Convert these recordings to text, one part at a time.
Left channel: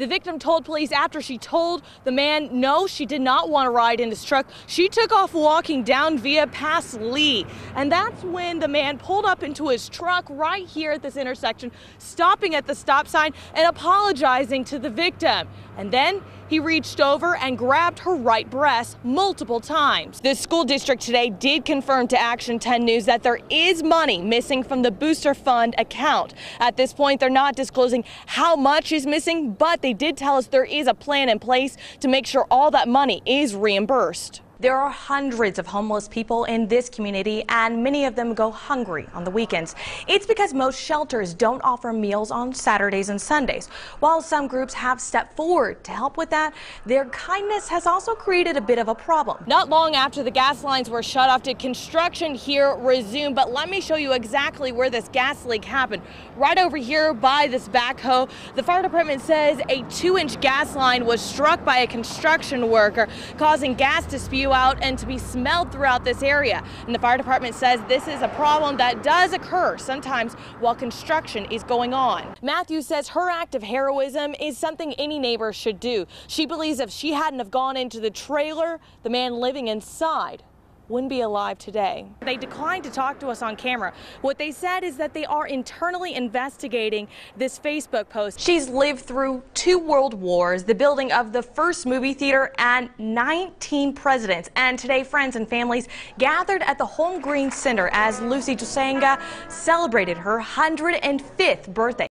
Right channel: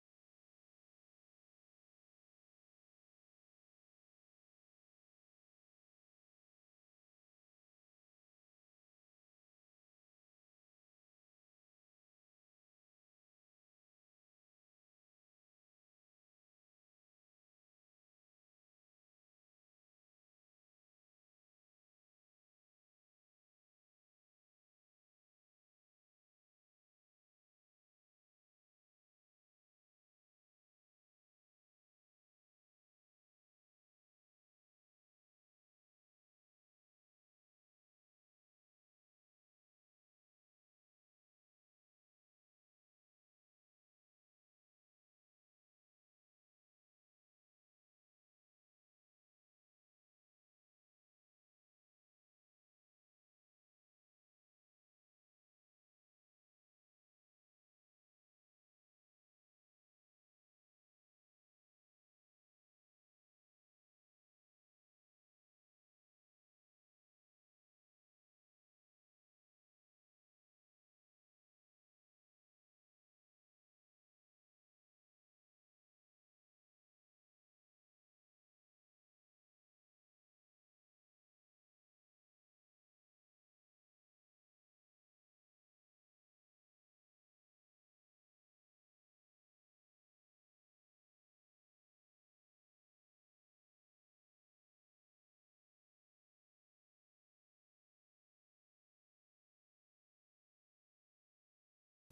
The victim told police after she told the man no, she did not want to ride in his truck. She took off walking down via past Lee. And that's when the man pulled up into his truck right here at this intersection, stopping at the stop sign and apologizing to the victim. And then he reached over and grabbed her right breast multiple times. The school district today did confirm to Action 10 News that there is money missing from the booster fund account. At this point, they're not disclosing how much is missing, but they did tell us there is a plan in place to make sure all that money is reimbursed. There are hundreds of homeless people in this community, and many of them go hungry on the weekends. It's because most shelters don't offer meals on Saturdays and Sundays. While some groups have stepped forward to help with that, their kindness has also created a bit of a problem. Not long after the gas lines were shut off, did construction here resume? But let me show you exactly where this gas leak happened. Right over here by this backhoe, the fire department says a 2-inch gas line was struck by a construction worker, causing gas to spew out and to be smelled throughout this area. And the fire department says this is a problem that does occur sometimes while construction is going on. Matthew says her act of heroism is something any neighbor should do. She believes if she hadn't have gone into the trailer, the man living inside wouldn't be alive today. They declined to talk to us on camera. What they said is that they are internally investigating this Facebook post. She's lived through 2 world wars, the building of the first movie theater, and 19 presidents. And today, friends and families gathered at the Home Green Center as Lucy Tusanga celebrated her 105th birthday.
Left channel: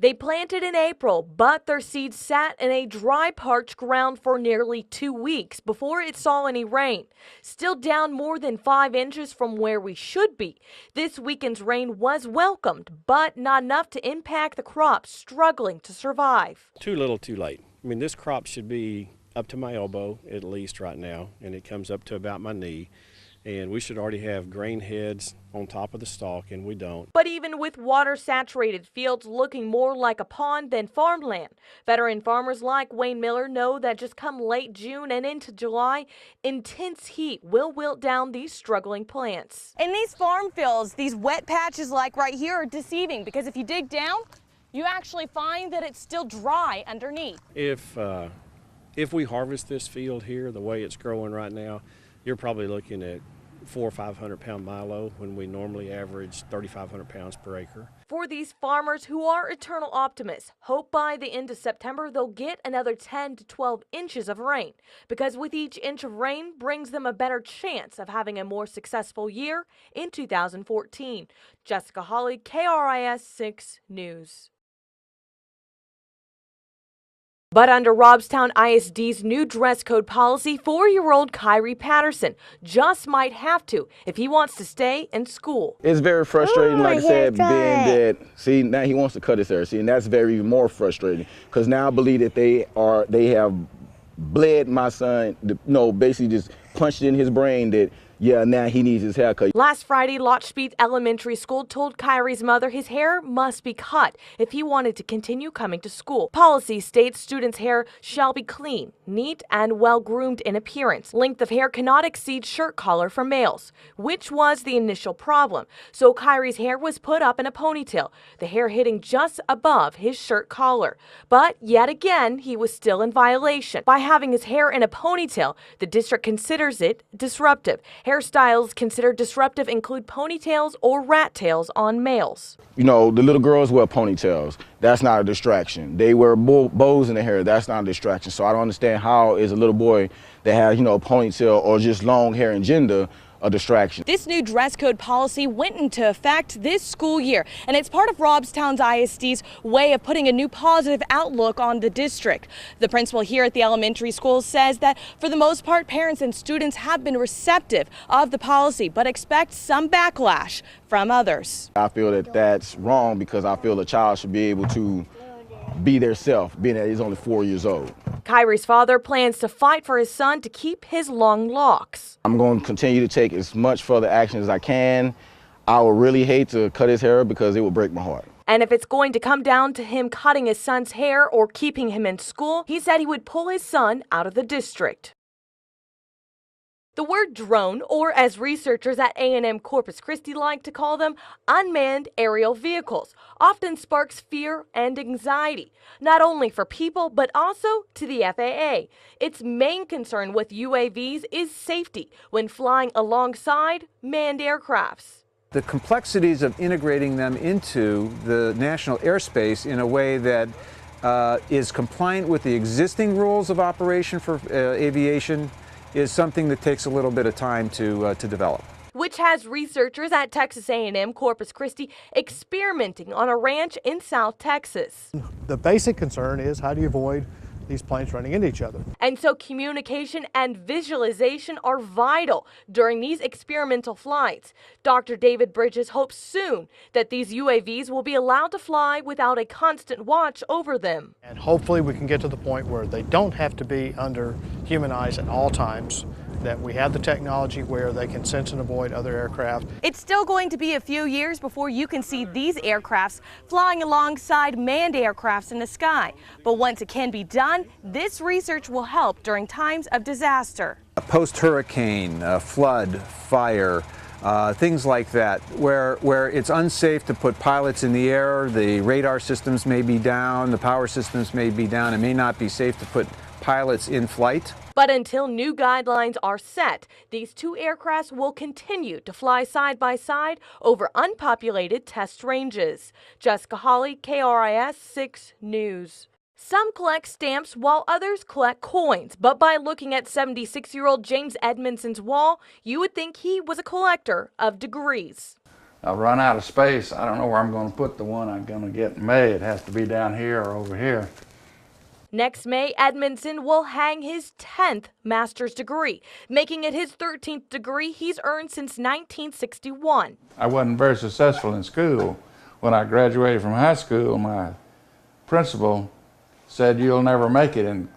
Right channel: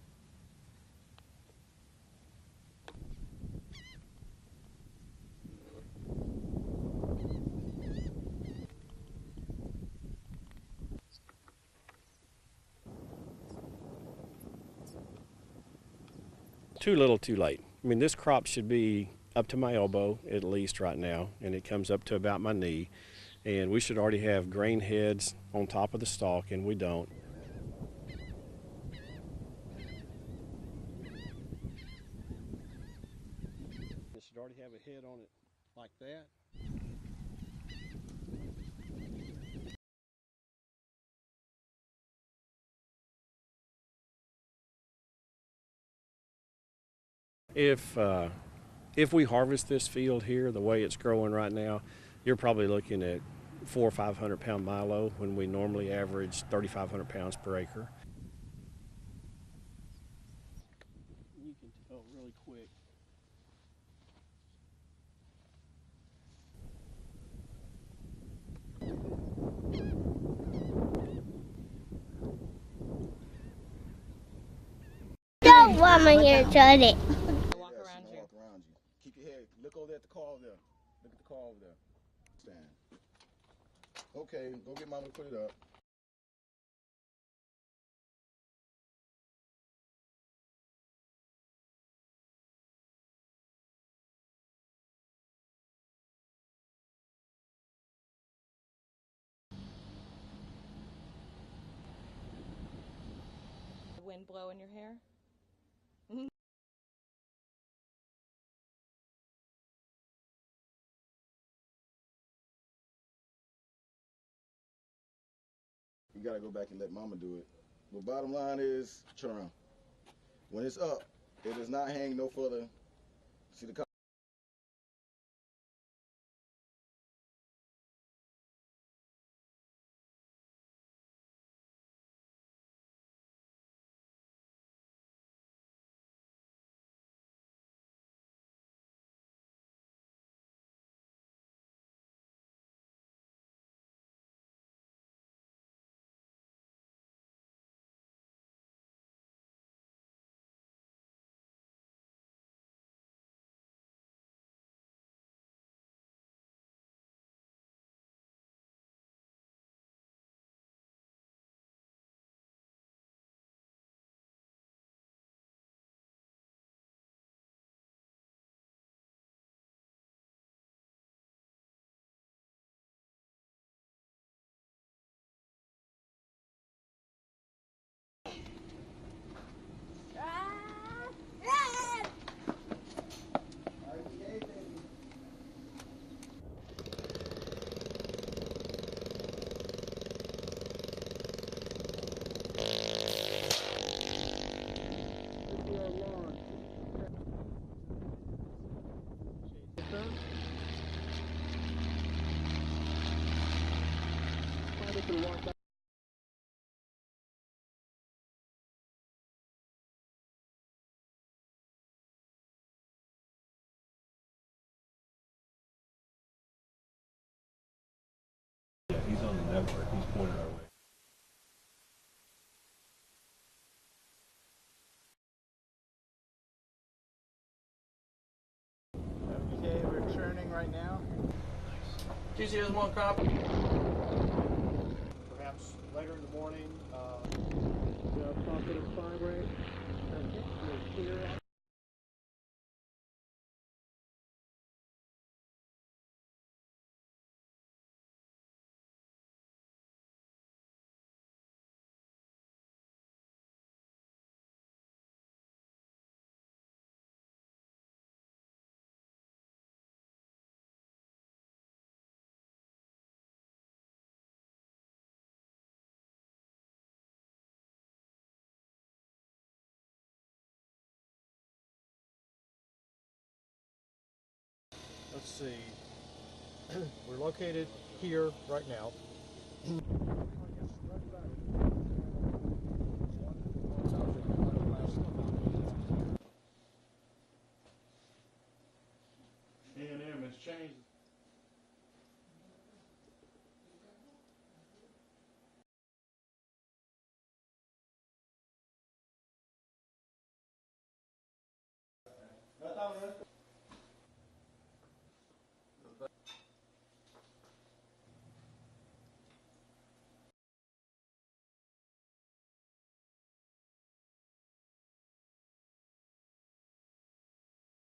They planted in April, but their seeds sat in a dry, parched ground for nearly 2 weeks before it saw any rain. Still down more than 5 inches from where we should be. This weekend's rain was welcomed, but not enough to impact the crops struggling to survive. Too little, too late. I mean, this crop should be up to my elbow at least right now, and it comes up to about my knee. And we should already have grain heads on top of the stalk, and we don't. But even with water-saturated fields looking more like a pond than farmland, veteran farmers like Wayne Miller know that just come late June and into July, intense heat will wilt down these struggling plants. In these farm fields, these wet patches like right here are deceiving because if you dig down, you actually find that it's still dry underneath. If we harvest this field here the way it's growing right now, you're probably looking at 400 or 500 pound milo when we normally average 3,500 pounds per acre. For these farmers who are eternal optimists, hope by the end of September they'll get another 10 to 12 inches of rain, because with each inch of rain brings them a better chance of having a more successful year in 2014. Jessica Holley, KRIS 6 News. Don't want me here, Charlie. But under Robstown ISD's new dress code policy, 4-year-old Kyrie Patterson just might have to if he wants to stay in school. It's very frustrating, like I said, being that, see, now he wants to cut his hair, see, and that's very more frustrating, because now I believe that they have bled my son, basically just punched in his brain that, yeah, now he needs his haircut. Last Friday, Lotchbeat Elementary School told Kyrie's mother his hair must be cut if he wanted to continue coming to school. Policy states students' hair shall be clean, neat, and well-groomed in appearance. Length of hair cannot exceed shirt collar for males, which was the initial problem. So Kyrie's hair was put up in a ponytail, the hair hitting just above his shirt collar. But yet again, he was still in violation. By having his hair in a ponytail, the district considers it disruptive. Hairstyles considered disruptive include ponytails or rat tails on males. You know, the little girls wear ponytails. That's not a distraction. They wear bows in their hair. That's not a distraction. So I don't understand how is a little boy that has, a ponytail or just long hair and gender a distraction. This new dress code policy went into effect this school year, and it's part of Robstown ISD's way of putting a new positive outlook on the district. The principal here at the elementary school says that for the most part, parents and students have been receptive of the policy, but expect some backlash from others. I feel that that's wrong because I feel a child should be able to be their self, being that he's only 4 years old. Kyrie's father plans to fight for his son to keep his long locks. I'm going to continue to take as much further action as I can. I would really hate to cut his hair because it would break my heart. And if it's going to come down to him cutting his son's hair or keeping him in school, he said he would pull his son out of the district. The word drone, or as researchers at A&M Corpus Christi like to call them, unmanned aerial vehicles, often sparks fear and anxiety, not only for people but also to the FAA. Its main concern with UAVs is safety when flying alongside manned aircrafts. The complexities of integrating them into the national airspace in a way that is compliant with the existing rules of operation for aviation is something that takes a little bit of time to develop. Which has researchers at Texas A&M Corpus Christi experimenting on a ranch in South Texas. The basic concern is how do you avoid these planes running into each other. And so communication and visualization are vital during these experimental flights. Dr. David Bridges hopes soon that these UAVs will be allowed to fly without a constant watch over them. And hopefully we can get to the point where they don't have to be under human eyes at all times, that we have the technology where they can sense and avoid other aircraft. It's still going to be a few years before you can see these aircrafts flying alongside manned aircrafts in the sky. But once it can be done, this research will help during times of disaster. Post-hurricane, flood, fire, things like that, where it's unsafe to put pilots in the air, the radar systems may be down, the power systems may be down, it may not be safe to put pilots in flight. But until new guidelines are set, these two aircrafts will continue to fly side by side over unpopulated test ranges. Jessica Holley, KRIS 6 News. Some collect stamps while others collect coins, but by looking at 76-year-old James Edmondson's wall, you would think he was a collector of degrees. I've run out of space. I don't know where I'm going to put the one I'm going to get in May. It has to be down here or over here. Next May, Edmondson will hang his 10th master's degree, making it his 13th degree he's earned since 1961. I wasn't very successful in school. When I graduated from high school, my principal said, "You'll never make it in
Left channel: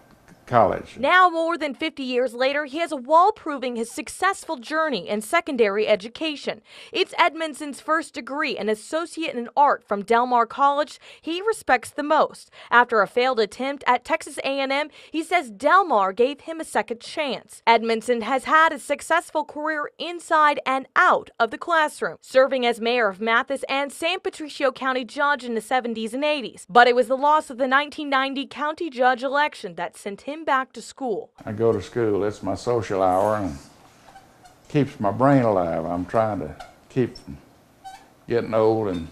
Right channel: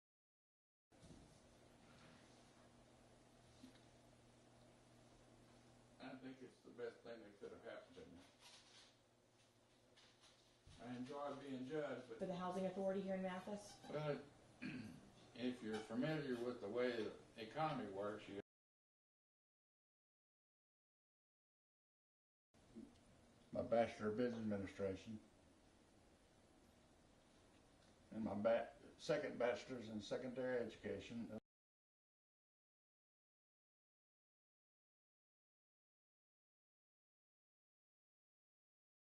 college." Now, more than 50 years later, he has a wall proving his successful journey in secondary education. It's Edmondson's first degree, an associate in art from Del Mar College he respects the most. After a failed attempt at Texas A&M, he says Del Mar gave him a second chance. Edmondson has had a successful career inside and out of the classroom, serving as mayor of Mathis and San Patricio County judge in the 70s and 80s. But it was the loss of the 1990 county judge election that sent him back to school. I go to school. It's my social hour and keeps my brain alive. I'm trying to keep from getting old and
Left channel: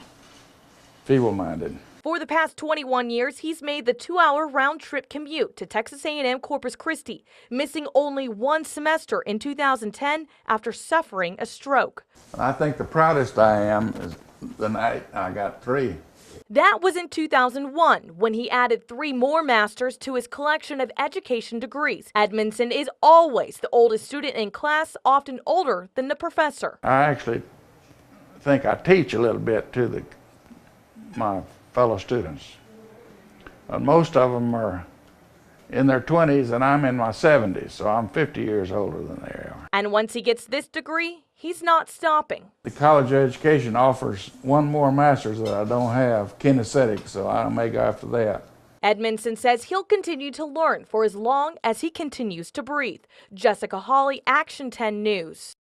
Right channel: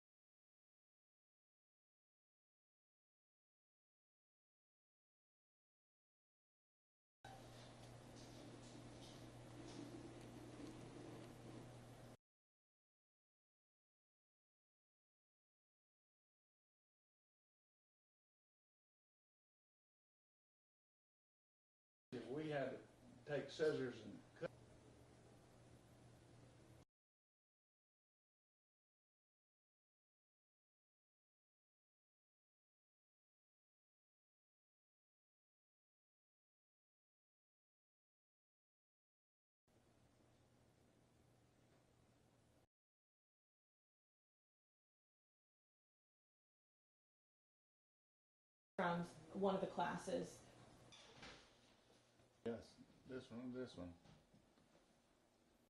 feeble-minded. For the past 21 years, he's made the 2-hour round-trip commute to Texas A&M Corpus Christi, missing only one semester in 2010 after suffering a stroke. I think the proudest I am is the night I got 3. That was in 2001, when he added 3 more masters to his collection of education degrees. Edmondson is always the oldest student in class, often older than the professor. I actually think I teach a little bit to my fellow students. Most of them are in their 20s and I'm in my 70s, so I'm 50 years older than they are. And once he gets this degree, he's not stopping. The college education offers one more master's that I don't have, kinesthetic, so I may go after that. Edmondson says he'll continue to learn for as long as he continues to breathe. Jessica Holley, Action 10 News.